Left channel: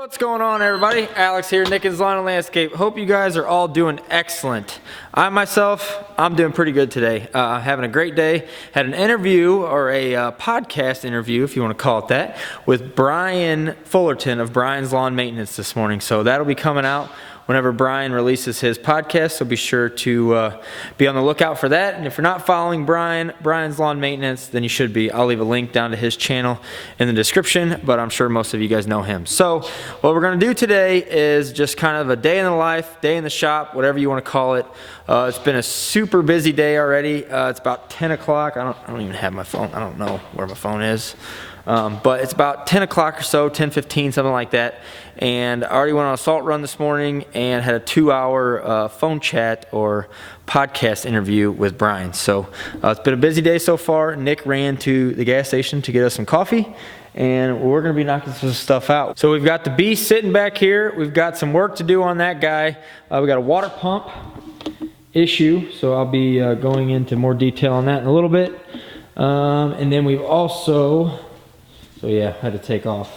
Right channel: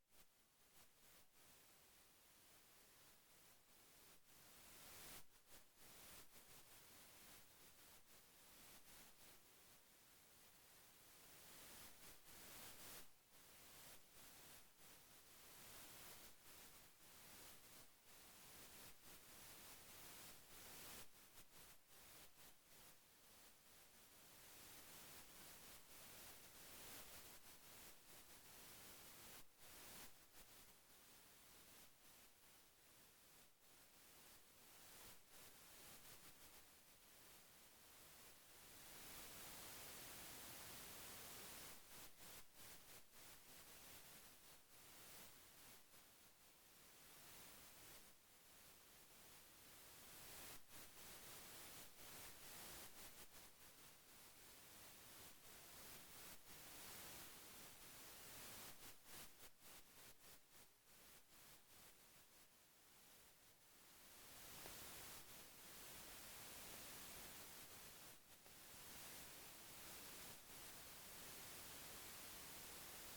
What's going on, everybody? Alex here, Nickens Lawn and Landscape. Hope you guys are all doing excellent. I'm doing pretty good today. Having a great day. Had an interview, or a podcast interview, if you want to call it that, with Brian Fullerton of Brian's Lawn Maintenance this morning. So that'll be coming out whenever Brian releases his podcast, so be sure to be on the lookout for that. And if you're not following Brian's Lawn Maintenance, then you should be. I'll leave a link down to his channel in the description, but I'm sure most of you guys know him. So what we're going to do today is just kind of a day in the life, day in the shop, whatever you want to call it. It's been a super busy day already. It's about 10 o'clock. I don't even have my phone. I don't know where my phone is. But it's about 10 o'clock or so, 10:15, something like that. And I already went on a salt run this morning and had a 2-hour phone chat or podcast interview with Brian. So it's been a busy day so far. Nick ran to the gas station to get us some coffee, and we're going to be knocking some stuff out. So we've got the beast sitting back here. We've got some work to do on that guy. We got a water pump issue, so I'll be going into more detail on that in a little bit. And then we've also... So yeah, I had to take off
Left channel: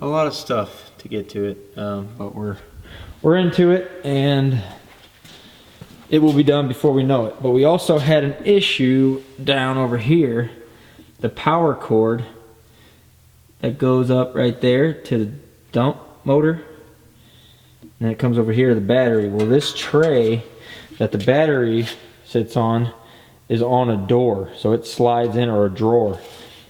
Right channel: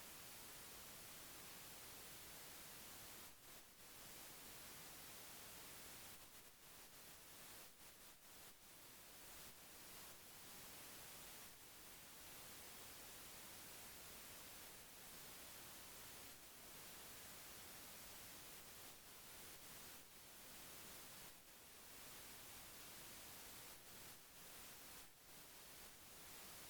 a lot of stuff to get to it, but we're into it, and it will be done before we know it. But we also had an issue down over here, the power cord that goes up right there to the dump motor, and it comes over here to the battery. Well, this tray that the battery sits on is on a door, so it slides in, or a drawer.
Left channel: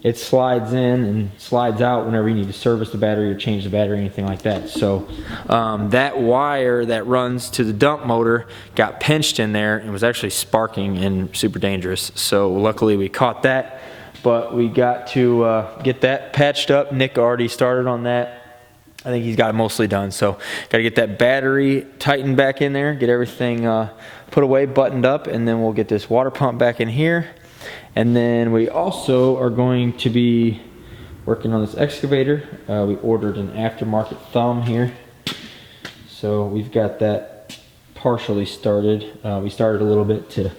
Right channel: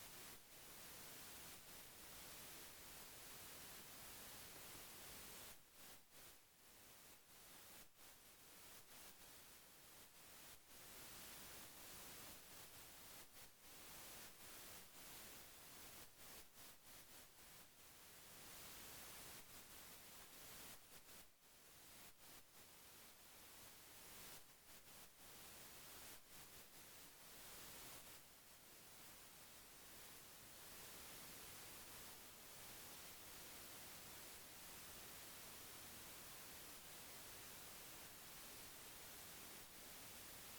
It slides in and slides out whenever you need to service the battery or change the battery, anything like that. So that wire that runs to the dump motor got pinched in there and was actually sparking and super dangerous. So luckily we caught that, but we got to get that patched up. Nick already started on that. I think he's got it mostly done. So got to get that battery tightened back in there, get everything put away, buttoned up, and then we'll get this water pump back in here. And then we also are going to be working on this excavator. We ordered an aftermarket thumb here. So we've got that partially started. We started a little bit to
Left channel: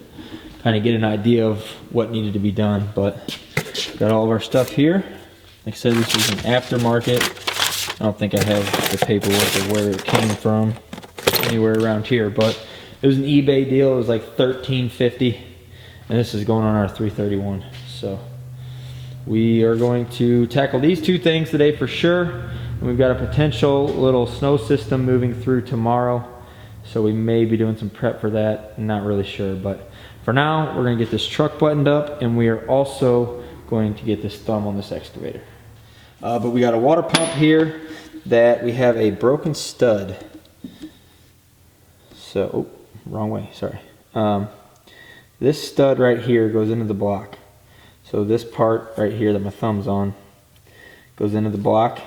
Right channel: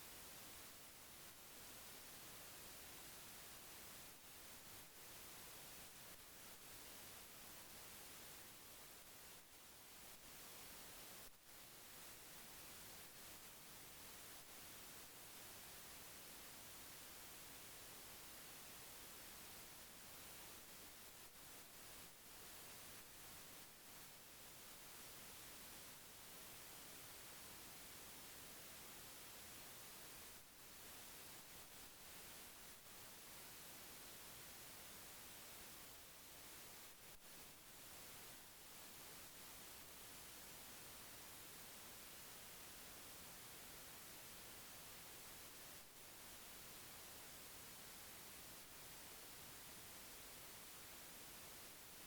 kind of get an idea of what needed to be done, but got all of our stuff here. Like I said, this is an aftermarket. I don't think I have the paperwork of where it came from anywhere around here, but it was an eBay deal. It was like $13.50. And this is going on our 331. So we are going to tackle these two things today for sure. And we've got a potential little snow system moving through tomorrow. So we may be doing some prep for that. I'm not really sure. But for now, we're going to get this truck buttoned up. And we are also going to get this thumb on this excavator. But we got a water pump here that we have a broken stud. So, oh, wrong way, sorry. This stud right here goes into the block. So this part right here that my thumb's on goes into the block,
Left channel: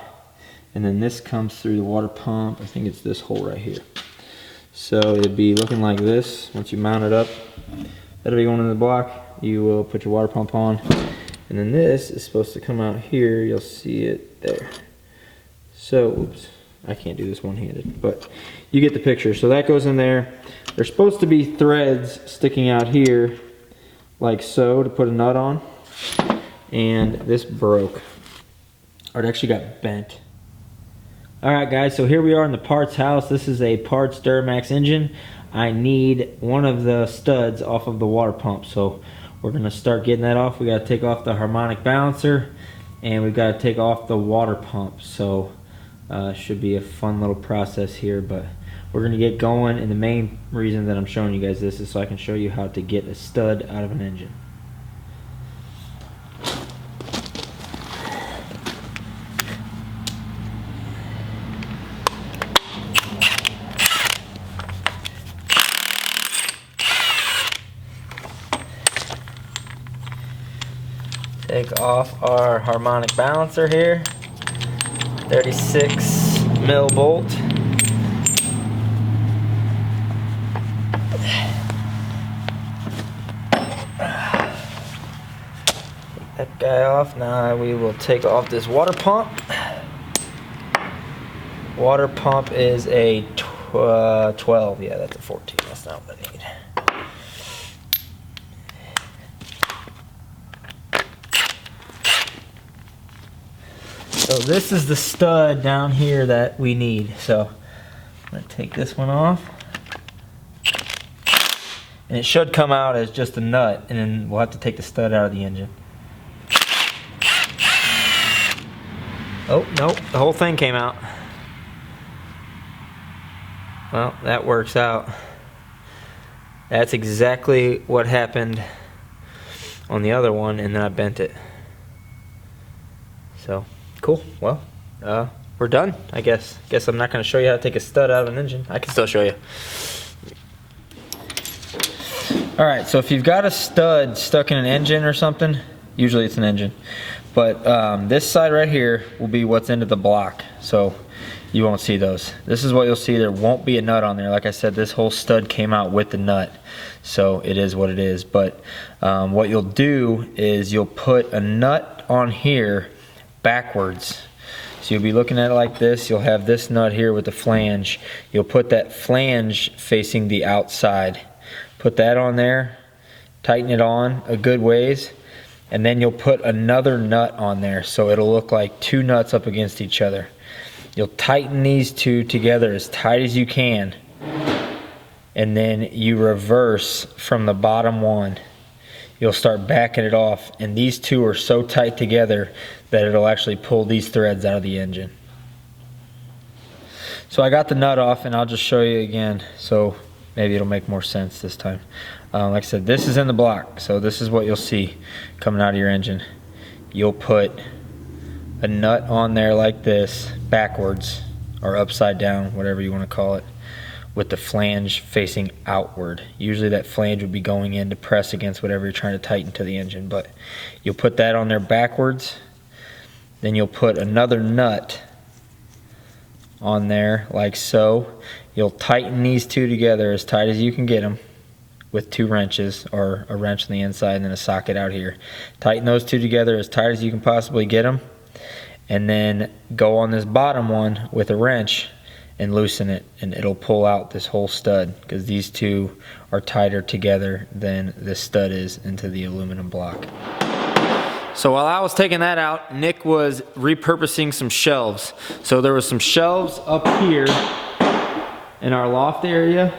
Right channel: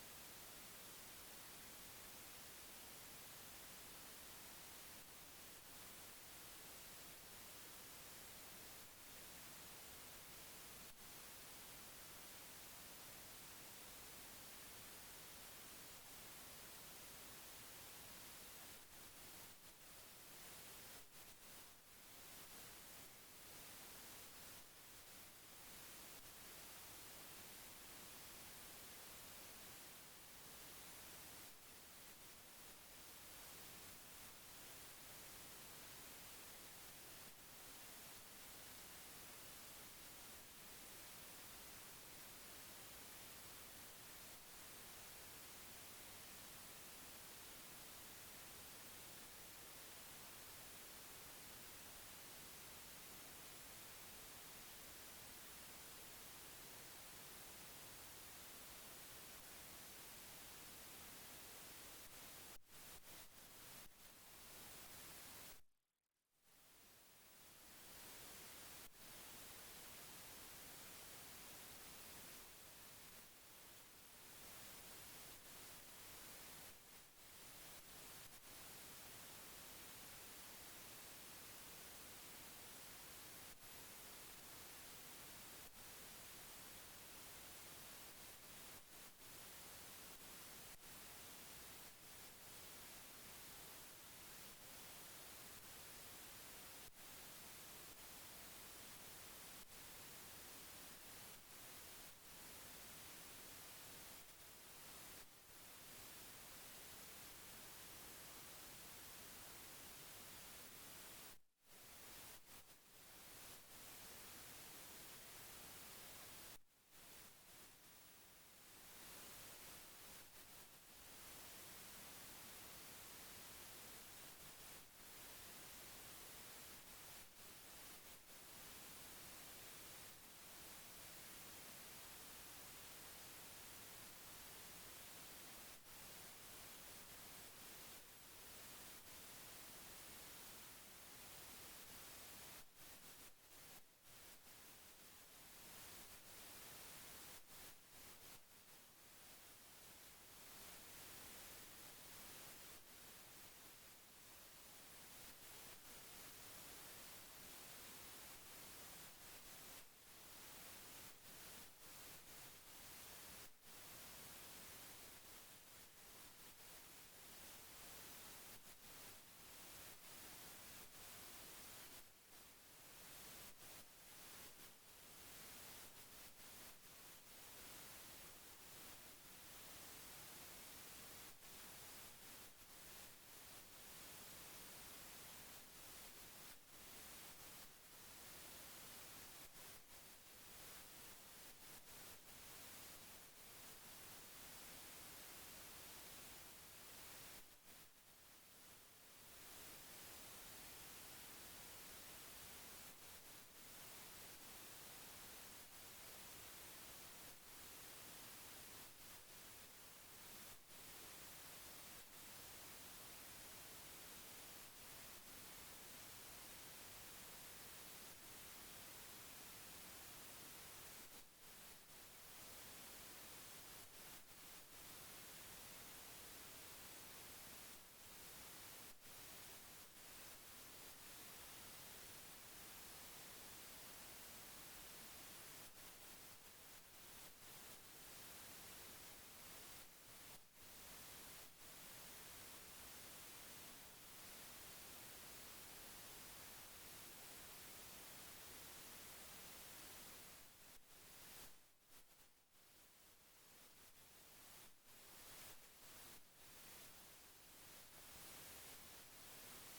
and then this comes through the water pump. I think it's this hole right here. So it'd be looking like this. Once you mount it up, that'll be going into the block. You will put your water pump on, and then this is supposed to come out here. You'll see it there. So, oops, I can't do this one-handed, but you get the picture. So that goes in there. There's supposed to be threads sticking out here like so to put a nut on, and this broke, or it actually got bent. Alright guys, so here we are in the parts house. This is a parts Duramax engine. I need one of the studs off of the water pump, so we're going to start getting that off. We got to take off the harmonic balancer, and we've got to take off the water pump. So should be a fun little process here, but we're going to get going, and the main reason that I'm showing you guys this is so I can show you how to get a stud out of an engine. Take off our harmonic balancer here, 36 mil bolt. That guy off. Now we will take off this water pump. Water pump is a 12. Yeah, that's a 14. That's not what I need. So this is the stud down here that we need. So let's take this one off. And it should come out as just a nut, and then we'll have to take the stud out of the engine. Oh, nope, the whole thing came out. Well, that works out. That's exactly what happened on the other one, and then I bent it. So, cool. Well, we're done, I guess. Guess I'm not going to show you how to take a stud out of an engine. I can still show you. Alright, so if you've got a stud stuck in an engine or something, usually it's an engine, but this side right here will be what's into the block, so you won't see those. This is what you'll see. There won't be a nut on there. Like I said, this whole stud came out with the nut, so it is what it is. But what you'll do is you'll put a nut on here backwards. So you'll be looking at it like this. You'll have this nut here with the flange. You'll put that flange facing the outside. Put that on there, tighten it on a good ways, and then you'll put another nut on there so it'll look like two nuts up against each other. You'll tighten these two together as tight as you can, and then you reverse from the bottom one. You'll start backing it off, and these two are so tight together that it'll actually pull these threads out of the engine. So I got the nut off, and I'll just show you again, so maybe it'll make more sense this time. Like I said, this is in the block, so this is what you'll see coming out of your engine. You'll put a nut on there like this, backwards, or upside down, whatever you want to call it, with the flange facing outward. Usually that flange would be going in to press against whatever you're trying to tighten to the engine, but you'll put that on there backwards, then you'll put another nut on there like so. You'll tighten these two together as tight as you can get them with two wrenches, or a wrench on the inside and then a socket out here. Tighten those two together as tight as you can possibly get them, and then go on this bottom one with a wrench and loosen it, and it'll pull out this whole stud, because these two are tighter together than this stud is into the aluminum block. So while I was taking that out, Nick was repurposing some shelves. So there was some shelves up here in our loft area,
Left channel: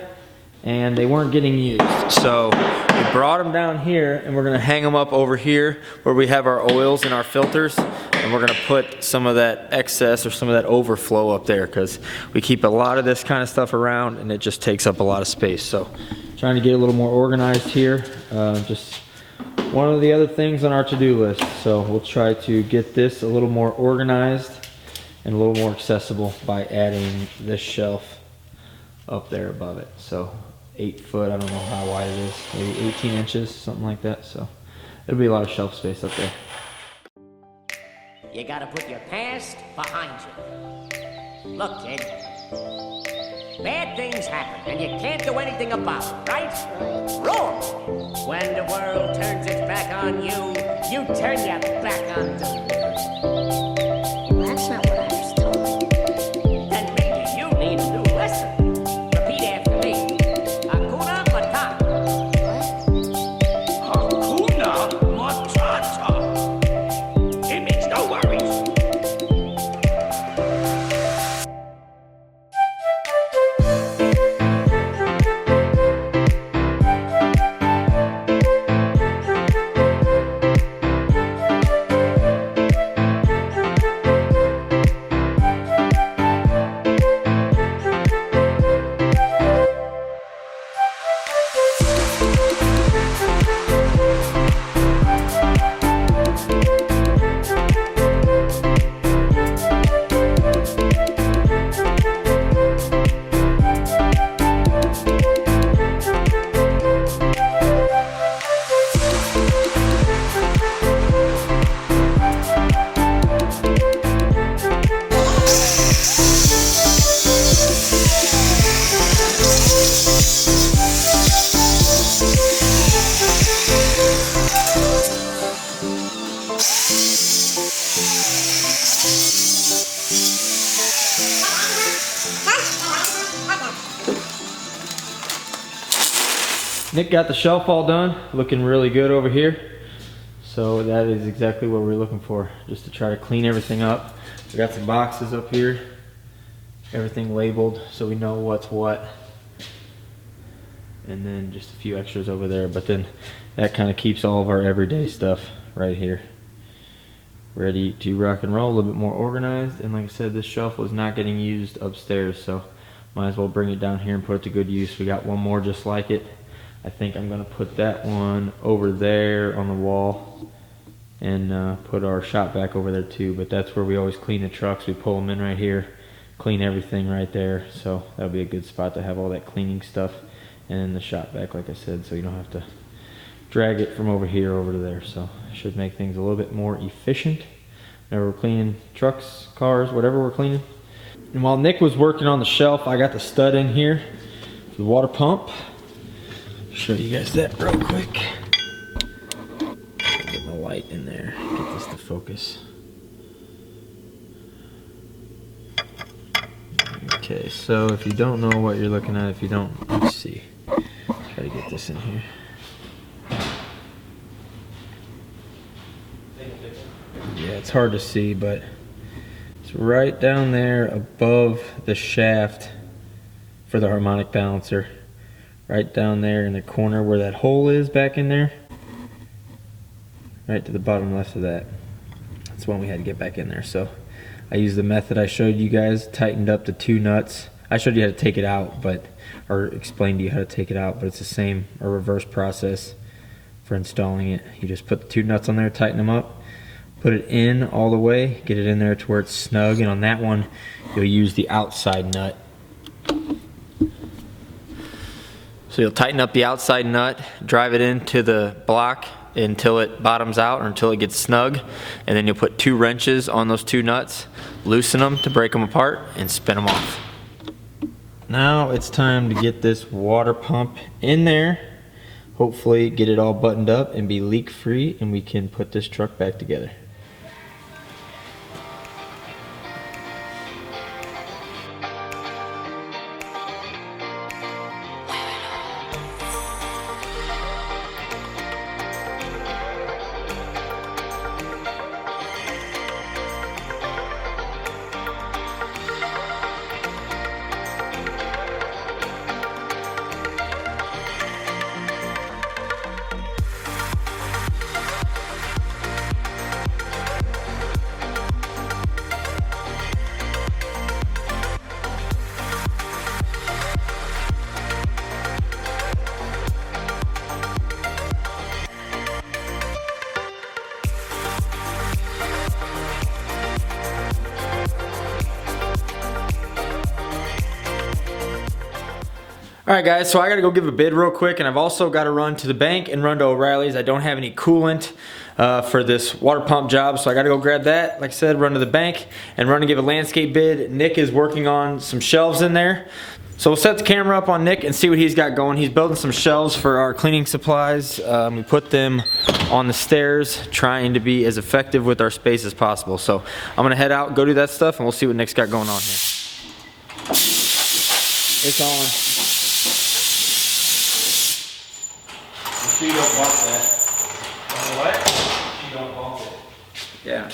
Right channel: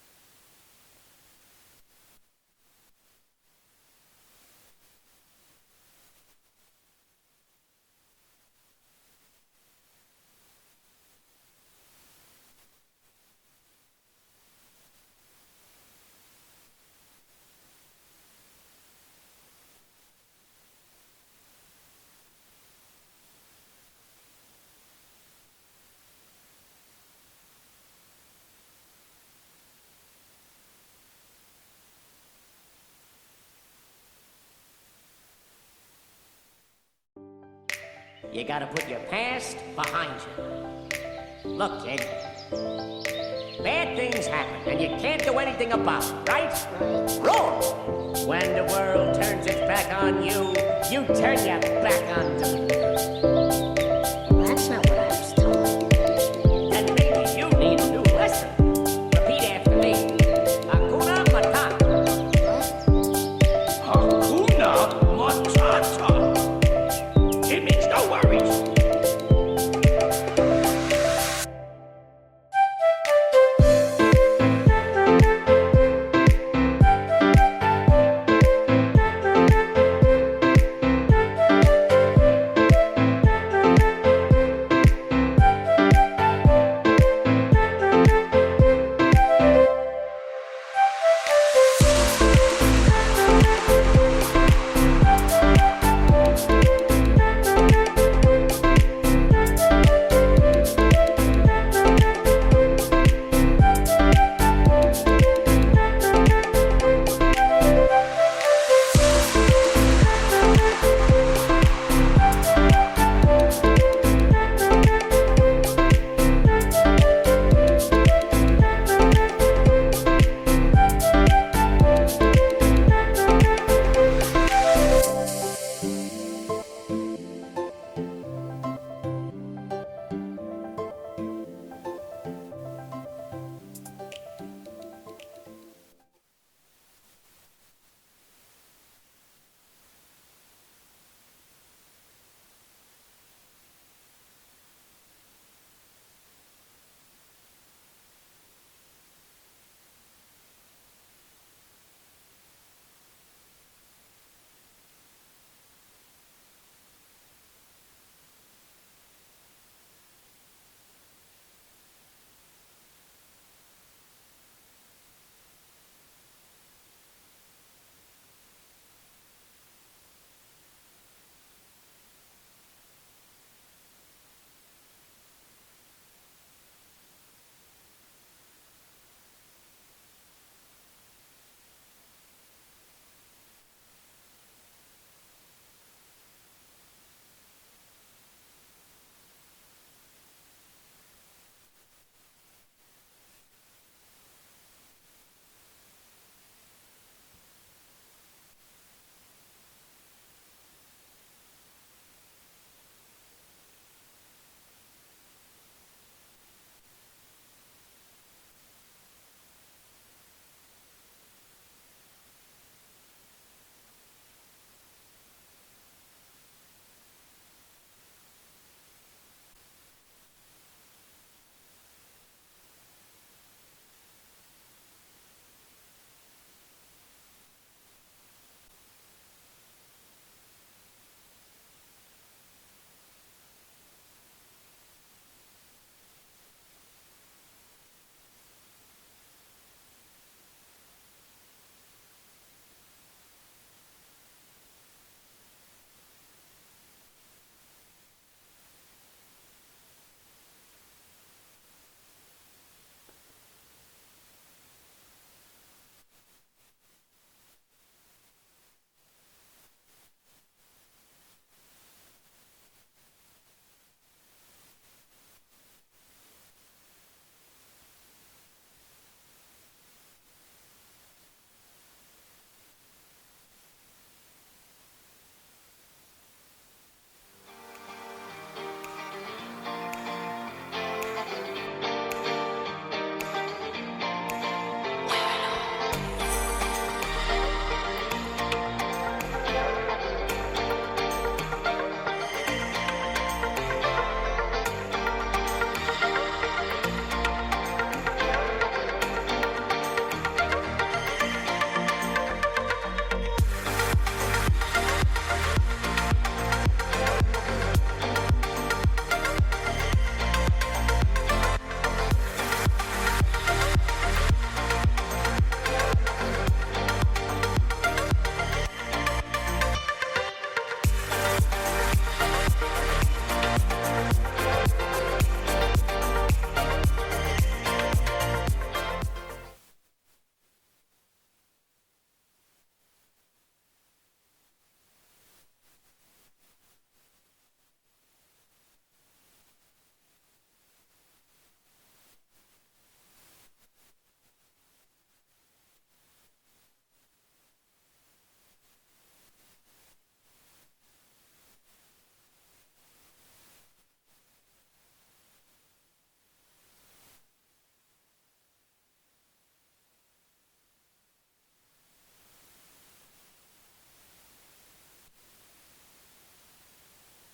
and they weren't getting used. So we brought them down here, and we're gonna hang them up over here where we have our oils and our filters, and we're gonna put some of that excess or some of that overflow up there, because we keep a lot of this kind of stuff around and it just takes up a lot of space. So trying to get a little more organized here. Just one of the other things on our to-do list. So we'll try to get this a little more organized and a little more accessible by adding this shelf up there above it. So 8 foot, I don't know how wide it is, maybe 18 inches, something like that. So it'll be a lot of shelf space up there. You gotta put your past behind you. Look, kid, bad things happen and you can't do anything about it, right? Wrong! When the world turns its back on you, you turn your back on them. Well, that's not what I was told. Then maybe you need a new lesson. Repeat after me. Hakuna Matata. What? Hakuna Matata. It means no worries. Nick got the shelf all done, looking really good over here. So that is exactly what we're looking for, just to try to clean everything up. We got some boxes up here, everything labeled so we know what's what. And then just a few extras over there, but then that kind of keeps all of our everyday stuff right here ready to rock and roll, a little bit more organized. And like I said, this shelf was not getting used upstairs, so might as well bring it down here and put it to good use. We got one more just like it. I think I'm gonna put that one over there on the wall and put our shop vac over there too, but that's where we always clean the trucks. We pull them in right here, clean everything right there, so that'll be a good spot to have all that cleaning stuff. And then the shop vac, like I said, so you don't have to drag it from over here over to there. So should make things a little bit more efficient whenever we're cleaning trucks, cars, whatever we're cleaning. And while Nick was working on the shelf, I got the stud in here for the water pump. Show you guys that real quick. Get my light in there, get this to focus. Okay, so if you don't know what you're looking at, if you don't, let's see. Try to get this in here. Yeah, it's hard to see, but it's right down there above the shaft for the harmonic balancer. Right down there in the corner where that hole is back in there. Right to the bottom left of that. That's one we had to get back in there. So I used the method I showed you guys, tightened up the 2 nuts. I showed you how to take it out, or explained to you how to take it out, but it's the same, a reverse process for installing it. You just put the 2 nuts on there, tighten them up, put it in all the way, get it in there to where it's snug, and on that one, you'll use the outside nut. So you'll tighten up the outside nut, drive it into the block until it bottoms out or until it gets snug, and then you'll put 2 wrenches on those 2 nuts, loosen them to break them apart, and spin them off. Now it's time to get this water pump in there, hopefully get it all buttoned up and be leak free, and we can put this truck back together. All right, guys, so I gotta go give a bid real quick, and I've also gotta run to the bank and run to O'Reilly's. I don't have any coolant for this water pump job, so I gotta go grab that. Like I said, run to the bank and run and give a landscape bid. Nick is working on some shelves in there. So we'll set the camera up on Nick and see what he's got going. He's building some shelves for our cleaning supplies. We put them on the stairs, trying to be as effective with our space as possible. So I'm gonna head out, go do that stuff, and we'll see what Nick's got going on here. It's on. You don't bump that. What? You don't bump it. Yeah.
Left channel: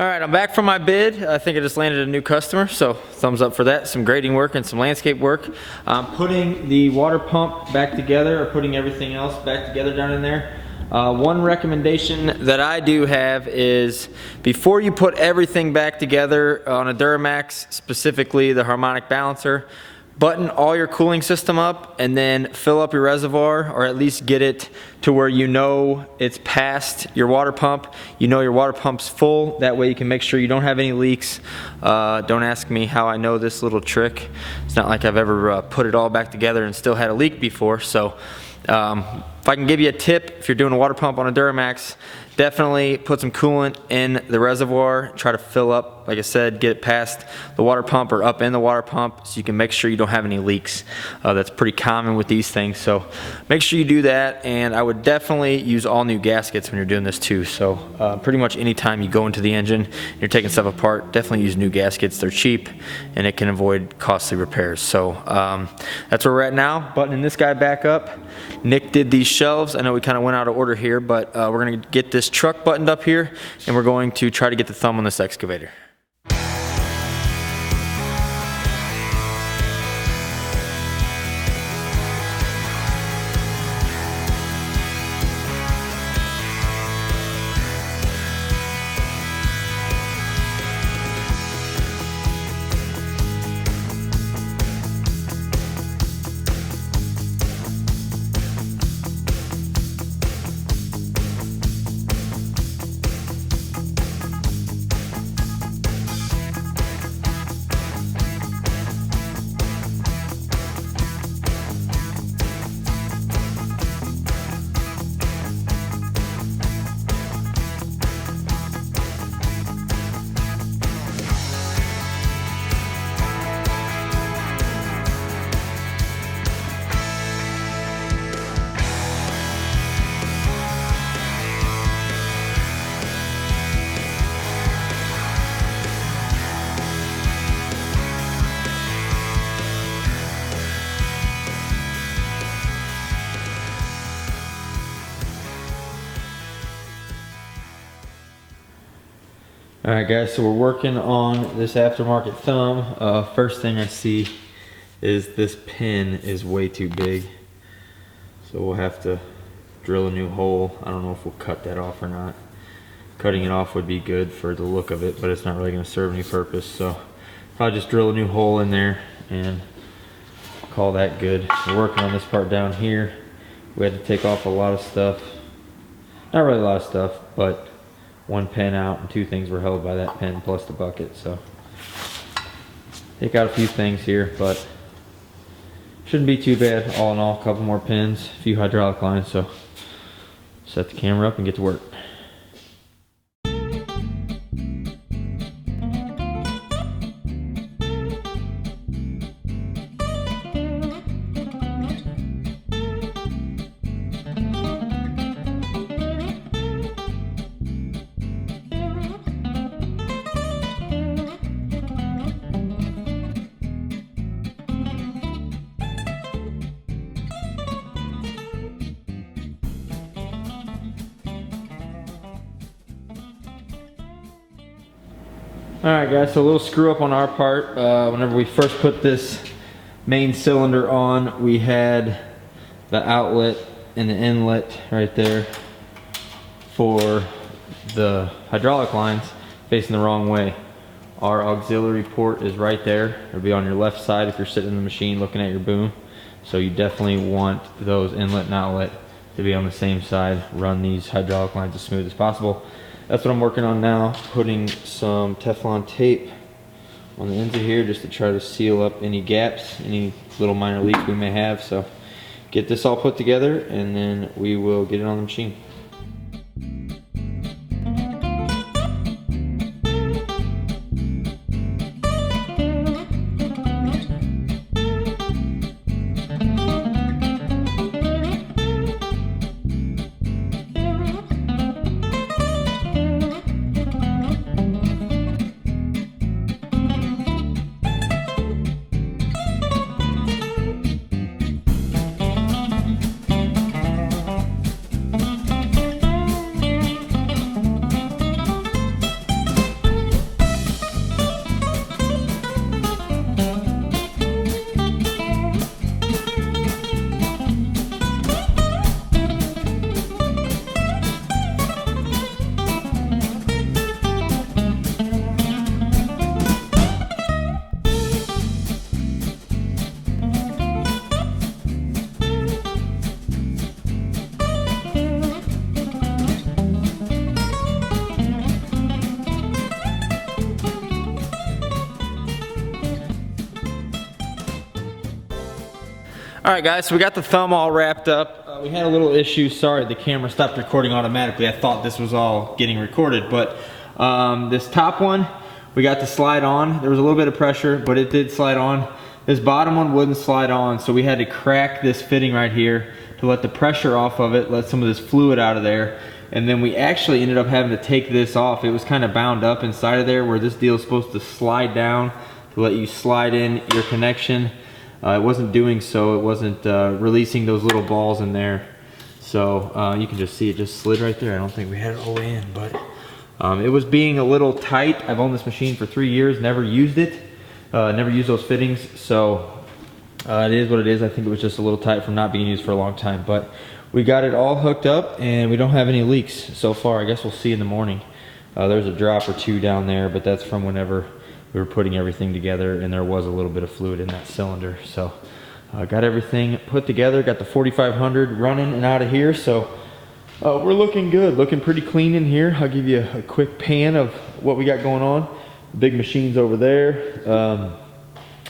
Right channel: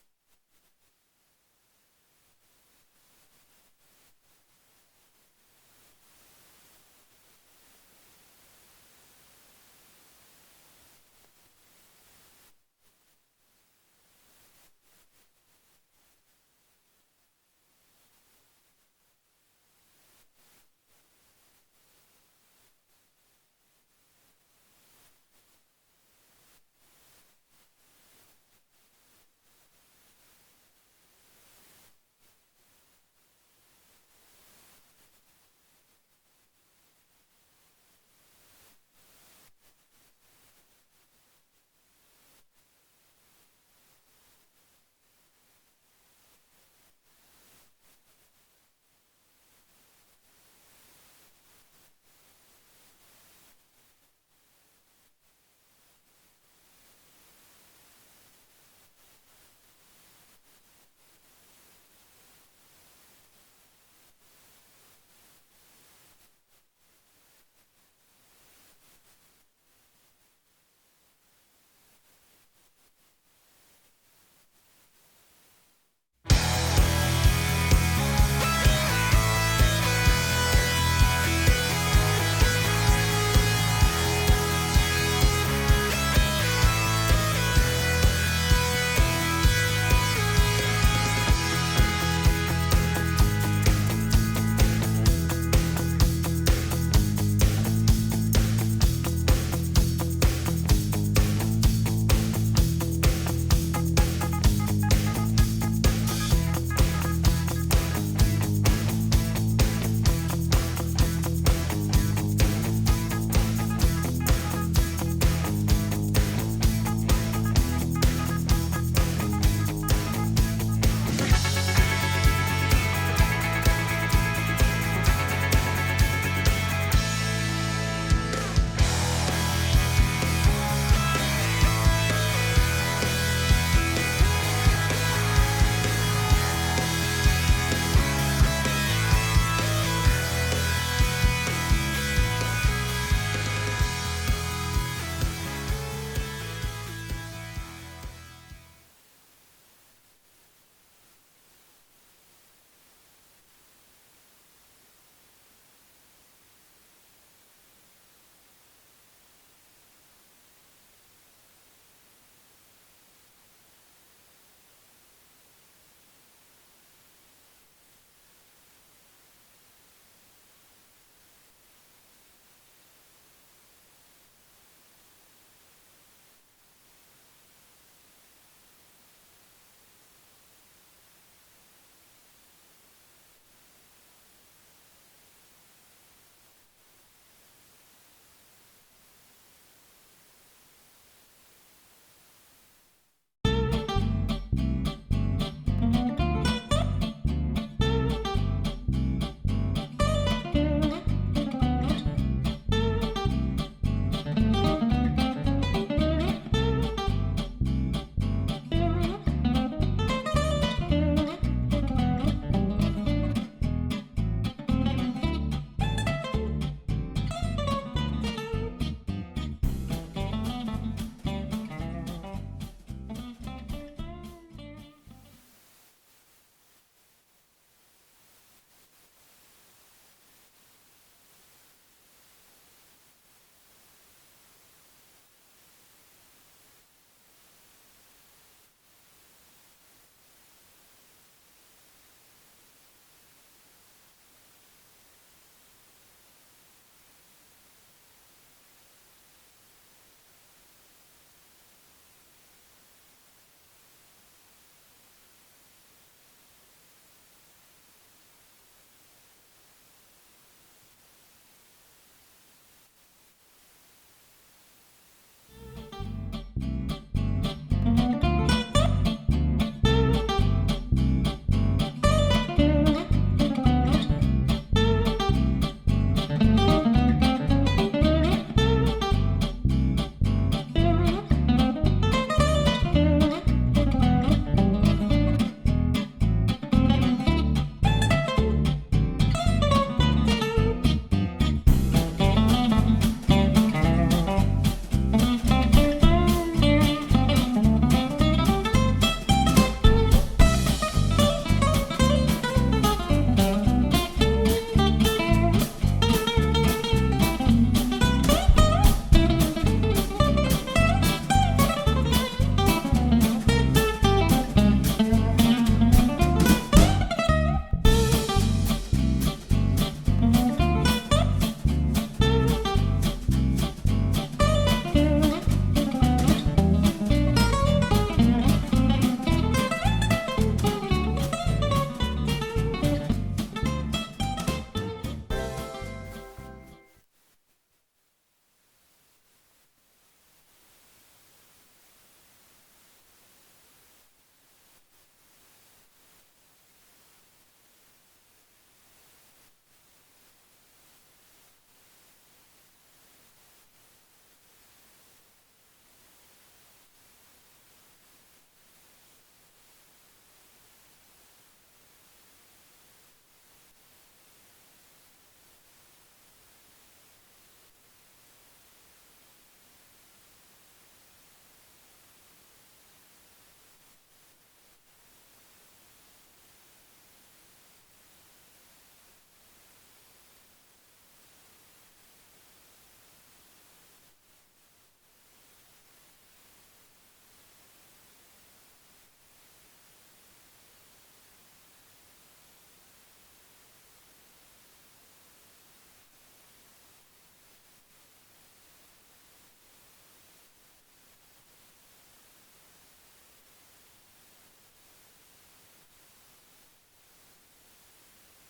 All right, I'm back from my bid. I think I just landed a new customer, so thumbs up for that. Some grading work and some landscape work. Putting the water pump back together, or putting everything else back together down in there. One recommendation that I do have is before you put everything back together on a Duramax, specifically the harmonic balancer, button all your cooling system up and then fill up your reservoir, or at least get it to where you know it's past your water pump. You know your water pump's full. That way you can make sure you don't have any leaks. Don't ask me how I know this little trick. It's not like I've ever put it all back together and still had a leak before. So if I can give you a tip, if you're doing a water pump on a Duramax, definitely put some coolant in the reservoir. Try to fill up, like I said, get it past the water pump or up in the water pump so you can make sure you don't have any leaks. That's pretty common with these things. So make sure you do that, and I would definitely use all new gaskets when you're doing this too. So pretty much anytime you go into the engine, you're taking stuff apart, definitely use new gaskets. They're cheap and it can avoid costly repairs. So that's where we're at now. Buttoning this guy back up. Nick did these shelves. I know we kind of went out of order here, but we're going to get this truck buttoned up here, and we're going to try to get the thumb on this excavator. Alright guys, so we're working on this aftermarket thumb. First thing I see is this pin is way too big. So we'll have to drill a new hole. I don't know if we'll cut that off or not. Cutting it off would be good for the look of it, but it's not really going to serve any purpose. So probably just drill a new hole in there and call that good. We're working on this part down here. We had to take off a lot of stuff. Not really a lot of stuff, but one pin out and two things were held by that pin plus the bucket. So take out a few things here, but shouldn't be too bad. All in all, a couple more pins, a few hydraulic lines. So set the camera up and get to work. Alright guys, so a little screw up on our part. Whenever we first put this main cylinder on, we had the outlet and the inlet right there for the hydraulic lines facing the wrong way. Our auxiliary port is right there. It'll be on your left side if you're sitting in the machine looking at your boom. So you definitely want those inlet and outlet to be on the same side. Run these hydraulic lines as smooth as possible. That's what I'm working on now, putting some Teflon tape on the ends of here just to try to seal up any gaps, any little minor leaks we may have. So get this all put together and then we will get it on the machine. All right, guys, so we got the thumb all wrapped up. We had a little issue. Sorry, the camera stopped recording automatically. I thought this was all getting recorded, but this top one, we got to slide on. There was a little bit of pressure, but it did slide on. This bottom one wouldn't slide on, so we had to crack this fitting right here to let the pressure off of it, let some of this fluid out of there. And then we actually ended up having to take this off. It was kind of bound up inside of there where this deal is supposed to slide down to let you slide in your connection. It wasn't doing so. It wasn't releasing those little balls in there. So you can just see it just slid right there. I don't think we had it all the way in, but it was being a little tight. I've owned this machine for 3 years, never used it, never used those fittings. So it is what it is. I think it was just a little tight from not being used for a long time, but we got it all hooked up and we don't have any leaks so far. I guess we'll see in the morning. There's a drop or two down there, but that's from whenever we were putting everything together and there was a little bit of fluid in that cylinder. So got everything put together, got the 4500 running and out of here. So we're looking good, looking pretty clean in here. I'll give you a quick pan of what we got going on. The big machine's over there,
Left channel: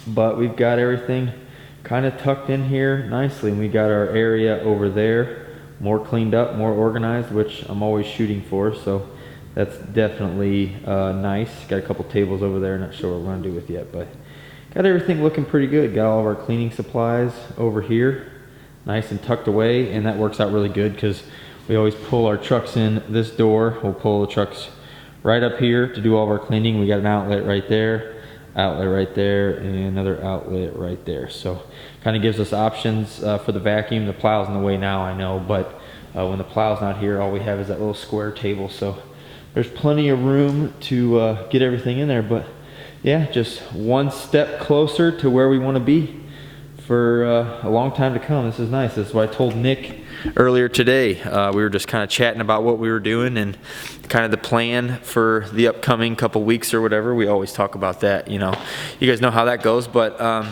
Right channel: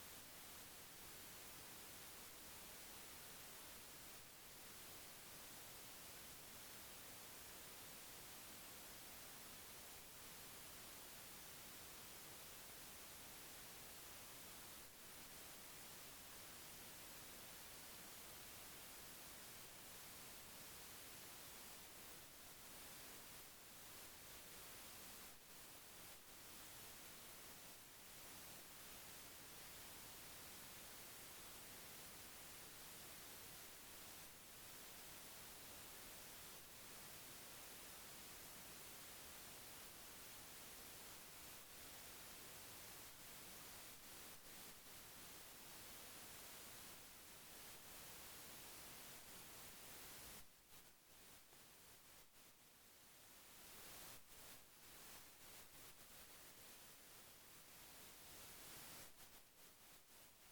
but we've got everything kind of tucked in here nicely, and we got our area over there more cleaned up, more organized, which I'm always shooting for. So that's definitely nice. Got a couple tables over there, not sure what we're gonna do with yet, but got everything looking pretty good. Got all of our cleaning supplies over here, nice and tucked away, and that works out really good because we always pull our trucks in this door. We'll pull the trucks right up here to do all of our cleaning. We got an outlet right there, outlet right there, and another outlet right there. So kind of gives us options for the vacuum. The plow's in the way now, I know, but when the plow's not here, all we have is that little square table. So there's plenty of room to get everything in there. But yeah, just one step closer to where we want to be for a long time to come. This is nice. This is what I told Nick earlier today. We were just kind of chatting about what we were doing and kind of the plan for the upcoming couple weeks or whatever. We always talk about that, you know. You guys know how that goes, but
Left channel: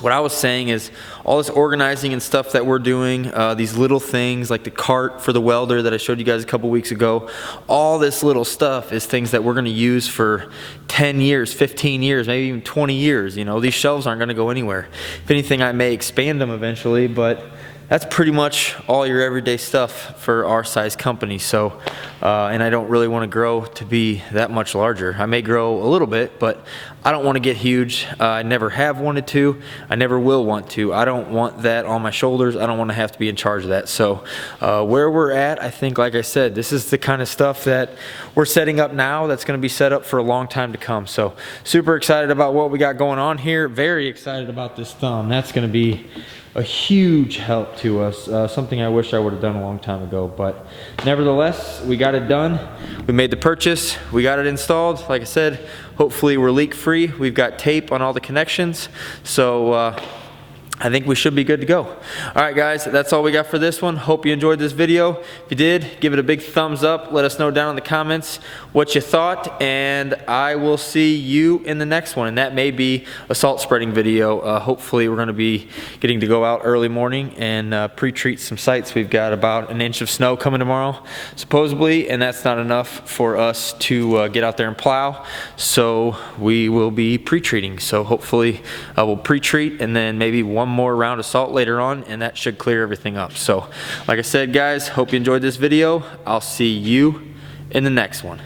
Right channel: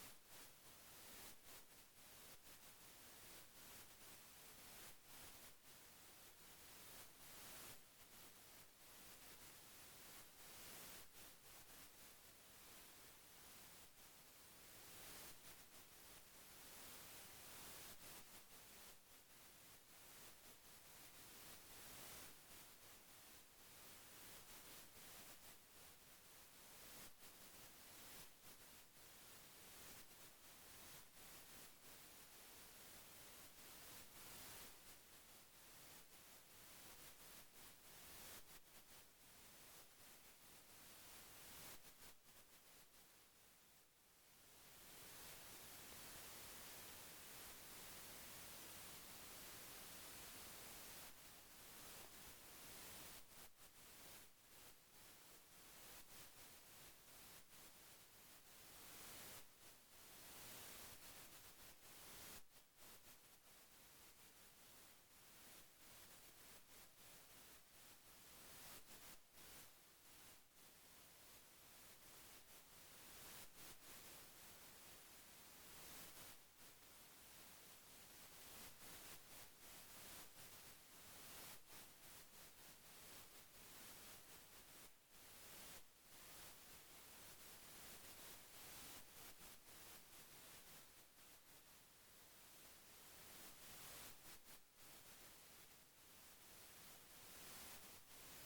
what I was saying is all this organizing and stuff that we're doing, these little things like the cart for the welder that I showed you guys a couple weeks ago, all this little stuff is things that we're going to use for 10 years, 15 years, maybe even 20 years. You know, these shelves aren't going to go anywhere. If anything, I may expand them eventually, but that's pretty much all your everyday stuff for our size company. So, and I don't really want to grow to be that much larger. I may grow a little bit, but I don't want to get huge. I never have wanted to. I never will want to. I don't want that on my shoulders. I don't want to have to be in charge of that. So where we're at, I think, like I said, this is the kind of stuff that we're setting up now that's going to be set up for a long time to come. So super excited about what we got going on here. Very excited about this thumb. That's going to be a huge help to us, something I wish I would have done a long time ago, but nevertheless, we got it done. We made the purchase, we got it installed. Like I said, hopefully we're leak free. We've got tape on all the connections, so I think we should be good to go. All right, guys, that's all we got for this one. Hope you enjoyed this video. If you did, give it a big thumbs up. Let us know down in the comments what you thought, and I will see you in the next one. And that may be a salt spreading video. Hopefully, we're going to be getting to go out early morning and pre-treat some sites. We've got about 1 inch of snow coming tomorrow, supposedly, and that's not enough for us to get out there and plow. So we will be pre-treating. So hopefully, we'll pre-treat and then maybe one more round of salt later on, and that should clear everything up. So like I said, guys, hope you enjoyed this video. I'll see you in the next one.